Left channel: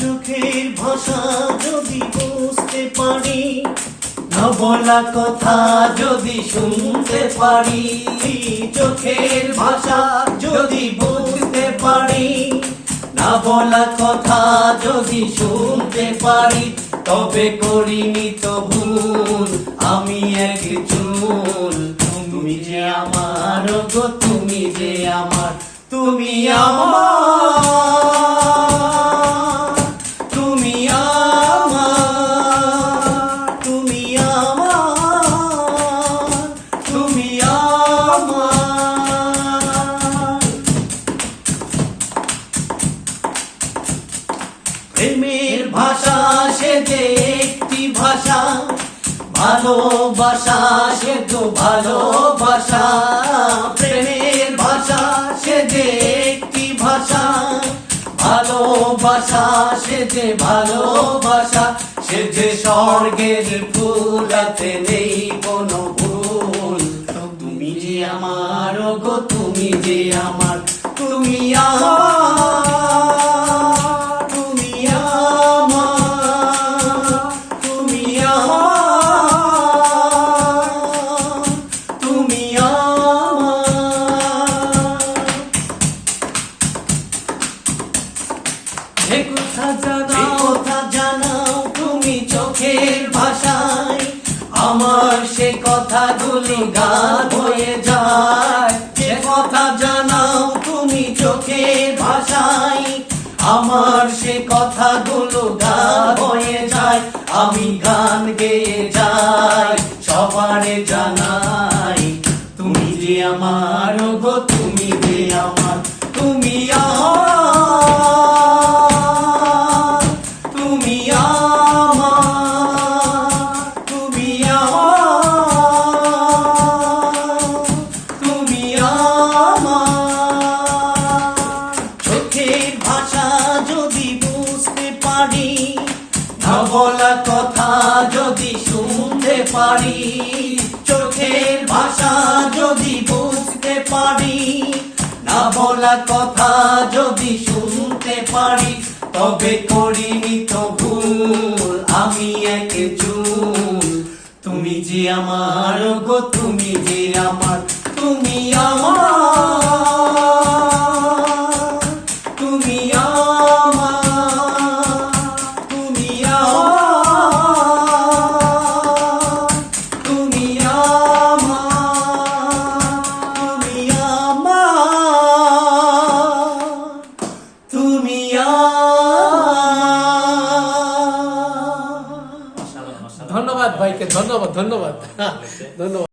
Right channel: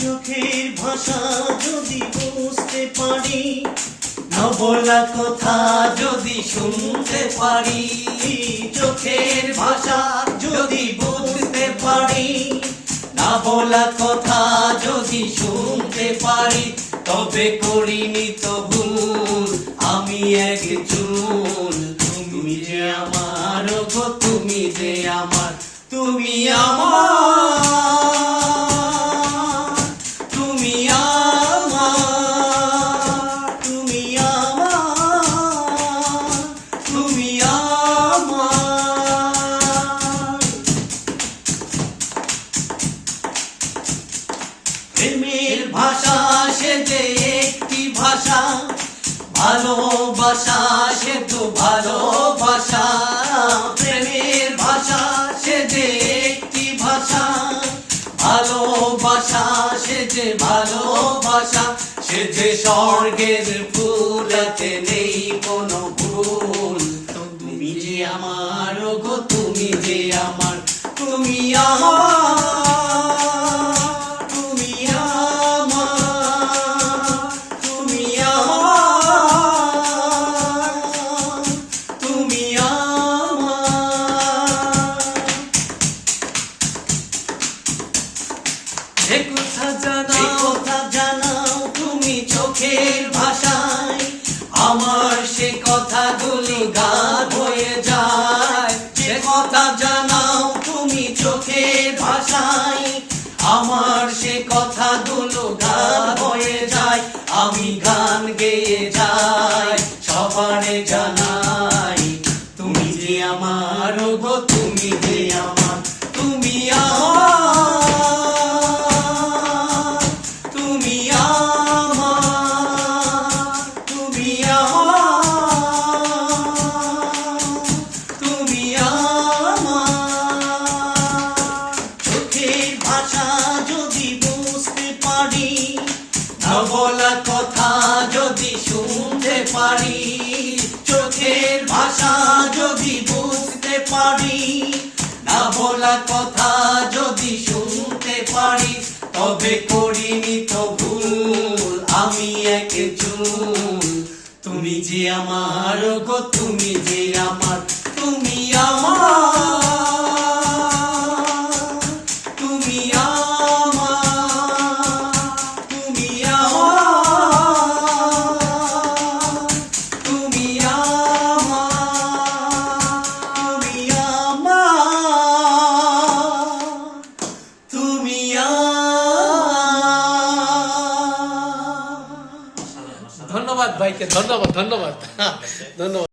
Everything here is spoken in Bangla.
চোখের ভাষা যদি বুঝতে পারি, না বলা কথা যদি শুনতে পারি, চোখের ভাষা যদি বুঝতে পারি, না বলা কথা যদি শুনতে পারি, তবে করিনি তো ভুল আমি এক চুল। তুমি যে আমার গো, তুমি যে আমার, তুমি আমার, তুমি আমার, তুমি আমার, তুমি আমার। প্রেমের ভাষা সে যে একটি ভাষা, ভালোবাসা সে তো ভালোবাসা। প্রেমের ভাষা সে যে একটি ভাষা, ভালোবাসা সে যে ভালোবাসা। সে যে স্বর্গের ফুলাতে নেই কোনো ভুল। তুমি যে আমার গো, তুমি যে আমার, তুমি আমার, তুমি আমার, তুমি আমার, তুমি আমার। এ কথা জানাও তুমি চোখের ভাষায়, আমার সে কথাগুলি গান হয়ে যায়। যে কথা জানাও তুমি চোখের ভাষায়, আমার সে কথাগুলো গান হয়ে যায়। আমি গান গেয়ে যাই, সবারে জানাই, তুমি যে আমার গো, তুমি যে আমার, তুমি আমার, তুমি আমার, তুমি আমার, তুমি আমার। চোখের ভাষা যদি বুঝতে পারি, না বলা কথা যদি শুনতে পারি, চোখের ভাষা যদি বুঝতে পারি, না বলা কথা যদি শুনতে পারি, তবে করিনি তো ভুল আমি এক চুল। তুমি যে আমার গো, তুমি যে আমার, তুমি আমার, তুমি আমার, তুমি আমার, তুমি আমার, তুমি আমার, তুমি আমার। ধন্যবাদ ভাইকে, ধন্যবাদ ধন্যবাদ ধন্যবাদ।